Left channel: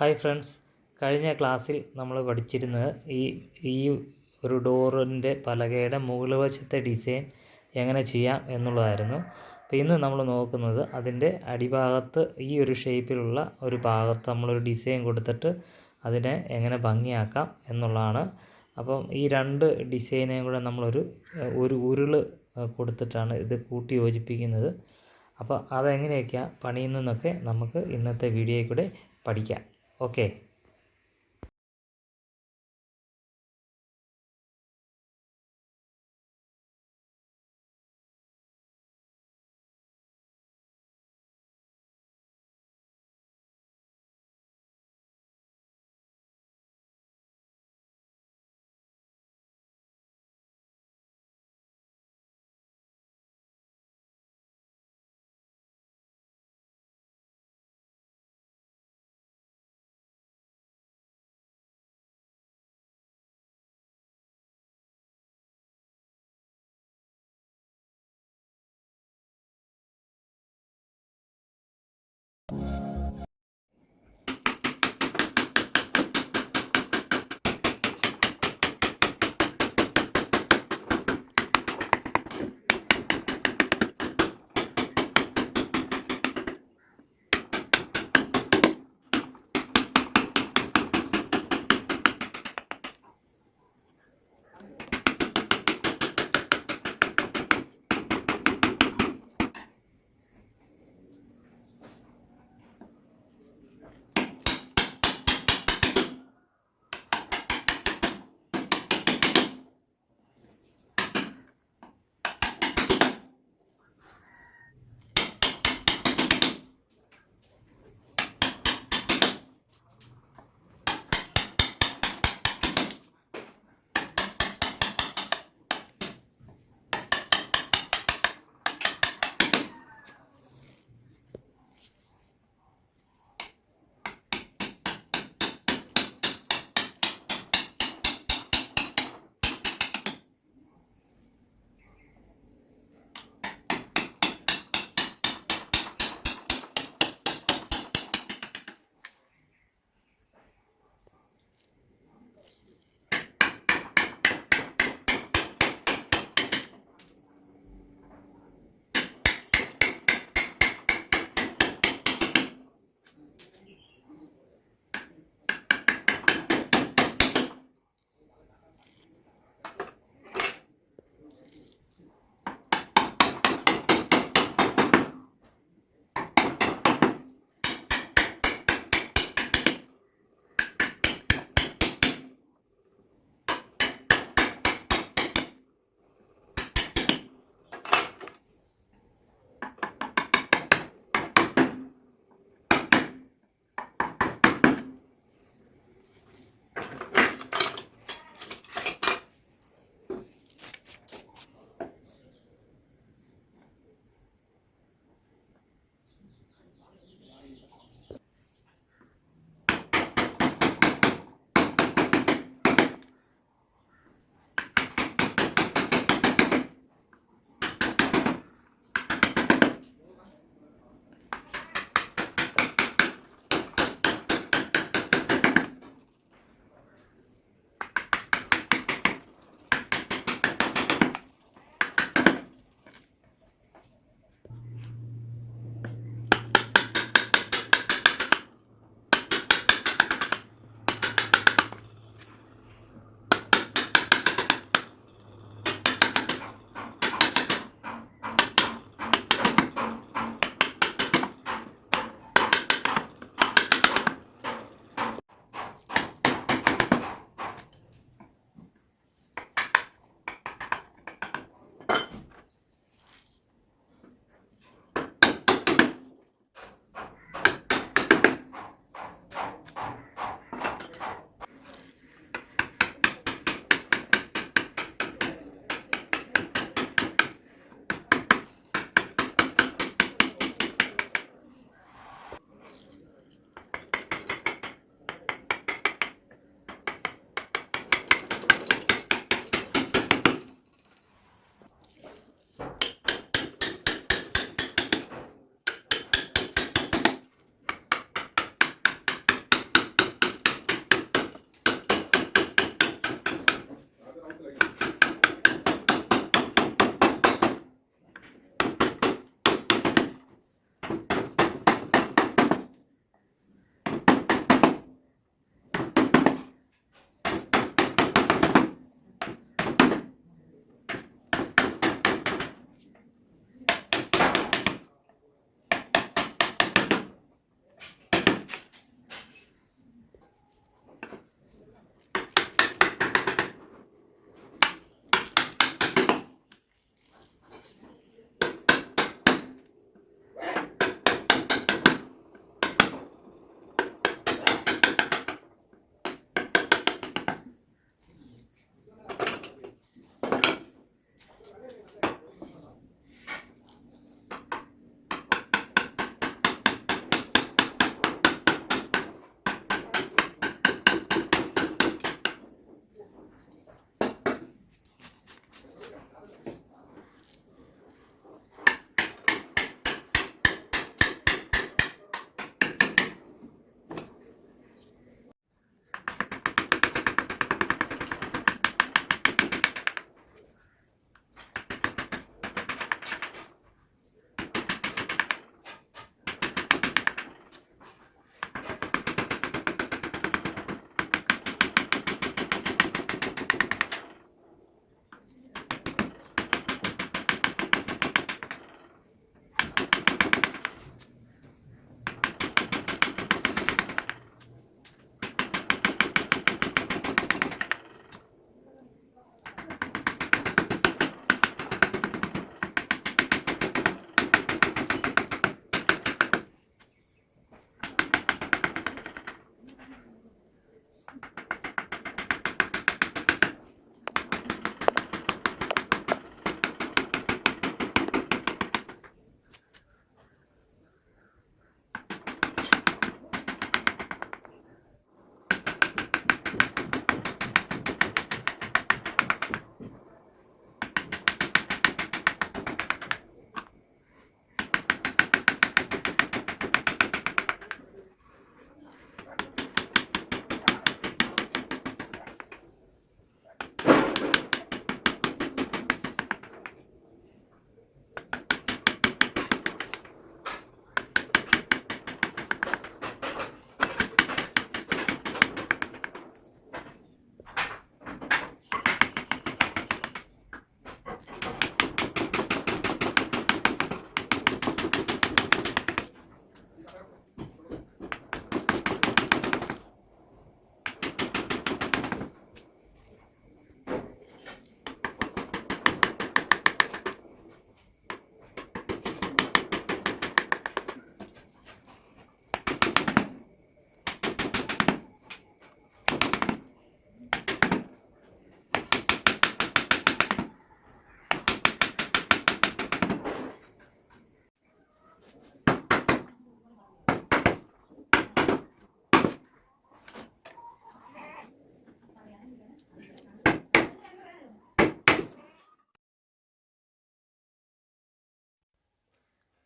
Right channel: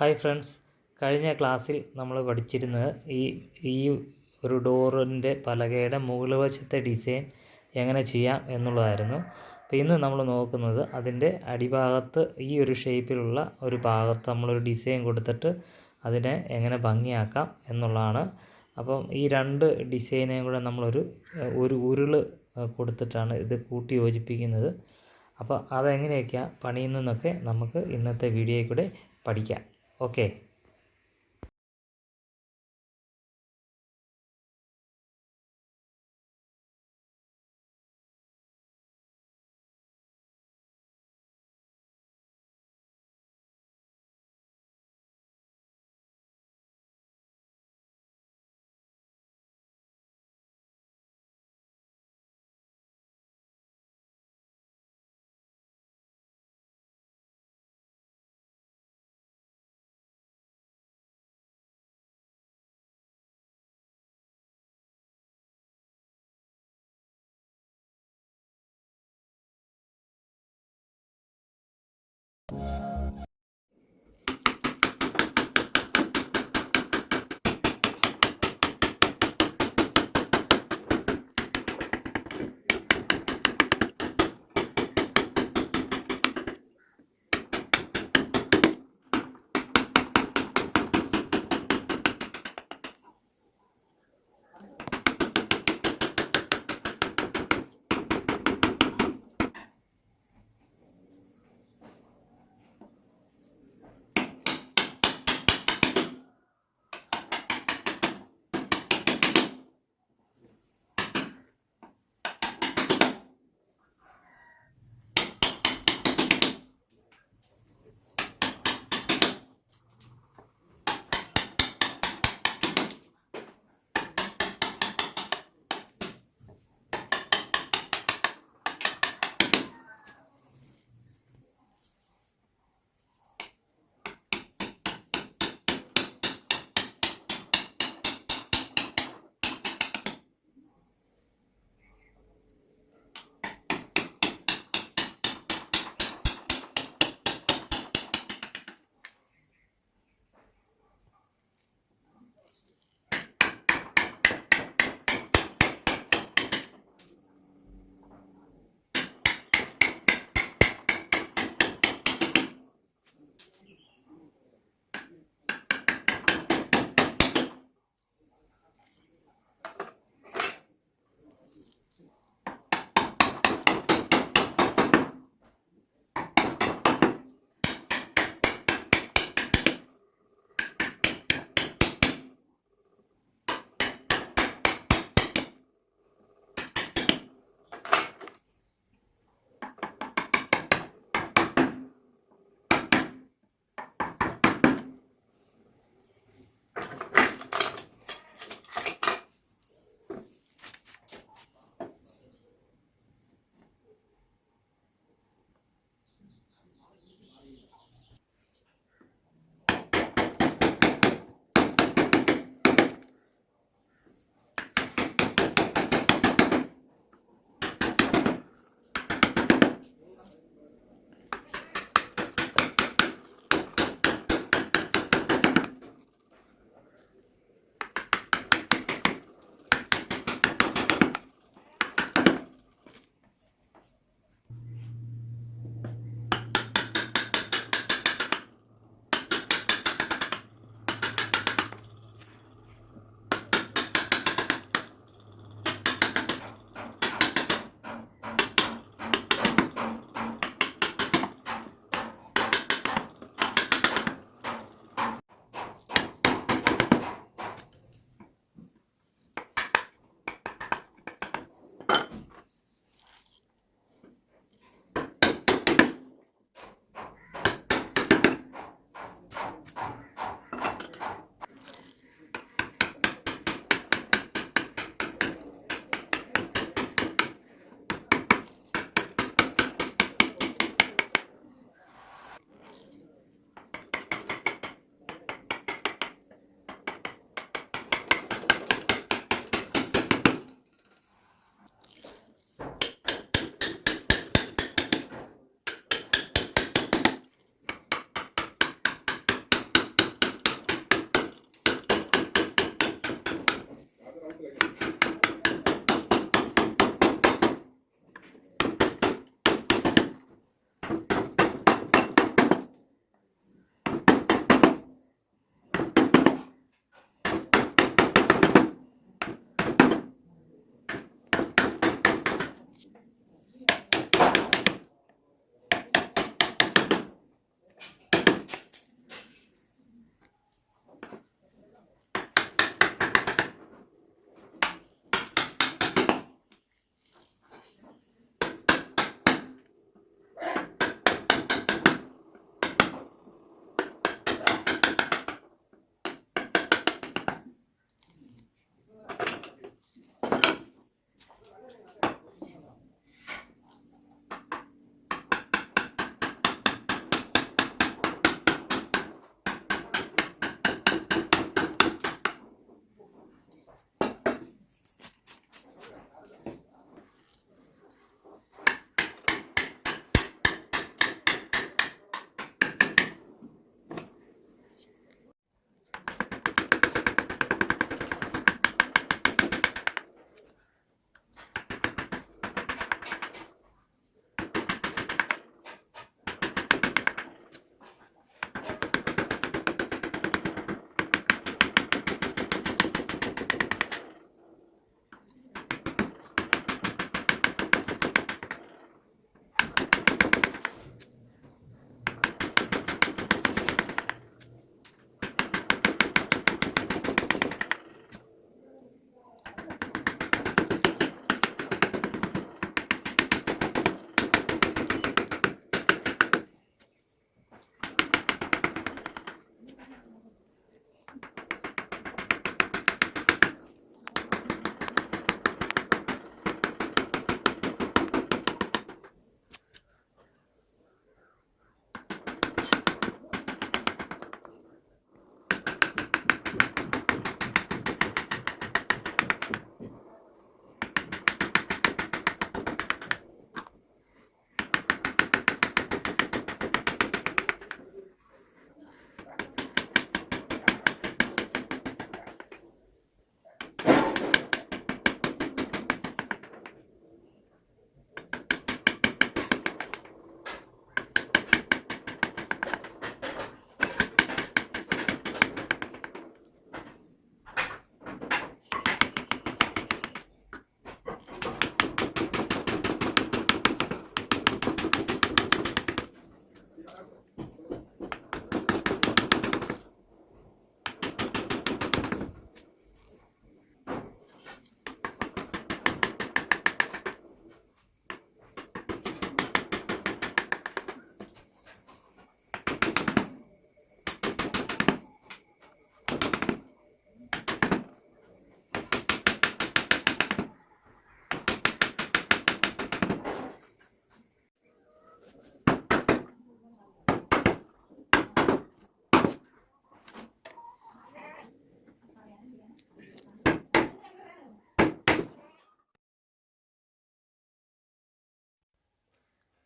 Hi friends, കഴിഞ്ഞ ക്ലാസ്സിൽ നമ്മൾ പഠിച്ചിരുന്നത് ഈ ഒരു ഡോറിൻ്റെ പലകയുടെ മുകൾ വശത്തെ ഡിസൈൻ എങ്ങനെ ചെയ്യാം എന്നുള്ളതായിരുന്നു. അപ്പോൾ ഇന്ന് നമ്മൾ നോക്കുന്നത് അതിൻ്റെ അടിഭാഗത്ത് ഈ ഒരു ഷേപ്പിലുള്ള ഒരു ഭാഗത്ത് നമ്മളൊരു ഡിസൈൻ കൊടുത്തിട്ട് അതിനെ എങ്ങനെ ഭംഗിയാക്കാം എന്നുള്ളതാണ്. അപ്പം ഈ രണ്ട് ഡിസൈനെയും കൂടെ നമ്മളൊരു ഉരുൾ കൊടുത്തിട്ടാണ് ഇത് കൂട്ടി യോജിപ്പിക്കുന്നത്. അപ്പോൾ അതെങ്ങനെയൊക്കെയാണ് പണിയുന്നതെന്നൊക്കെ നമുക്ക് ഇന്നത്തെ വീഡിയോയിൽ കൂടെ പഠിക്കാം. ഓക്കെ.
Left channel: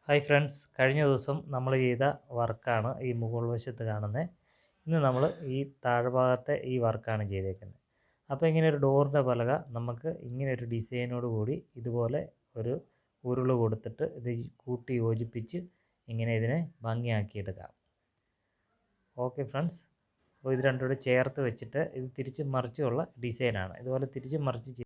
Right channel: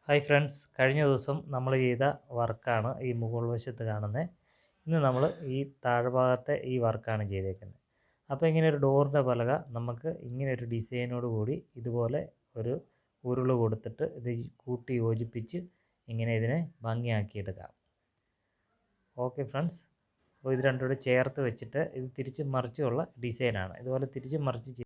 ഹായ് ഫ്രണ്ട്സ്, കഴിഞ്ഞ ദിവസം നമ്മൾ ചെയ്ത വർക്കാണ് ഈ മുകൾ വശത്ത് കാണുന്നത്. ഇന്ന് നമ്മൾ ഈ താഴ്ഭാഗത്തെ ഈ വർക്കാണ് ചെയ്തേക്കുന്നത്. അപ്പോൾ ഇങ്ങനെ ഒരു ഡോറിൻ്റെ പലക നമുക്ക് ഇങ്ങനെ ഒരു ഡിസൈനോട് കൂടി ഇതുപോലെ ഒരു ഉരുള് കൊടുത്തിട്ട് ഇത് കൂട്ടി യോജിപ്പിച്ച് ഇങ്ങനെ ഇതിനെ ഭംഗിയാക്കിയെടുക്കാം. ഓക്കെ ഫ്രണ്ട്സ്, അപ്പോൾ ഇത് രണ്ടും കൂടി ചേർത്ത് വെച്ചിട്ട് ഇത് തിരിച്ചും മറിച്ചുമുള്ള ഡിസൈനാണ്. ഇതുപോലെ തിരിച്ചും മറിച്ച്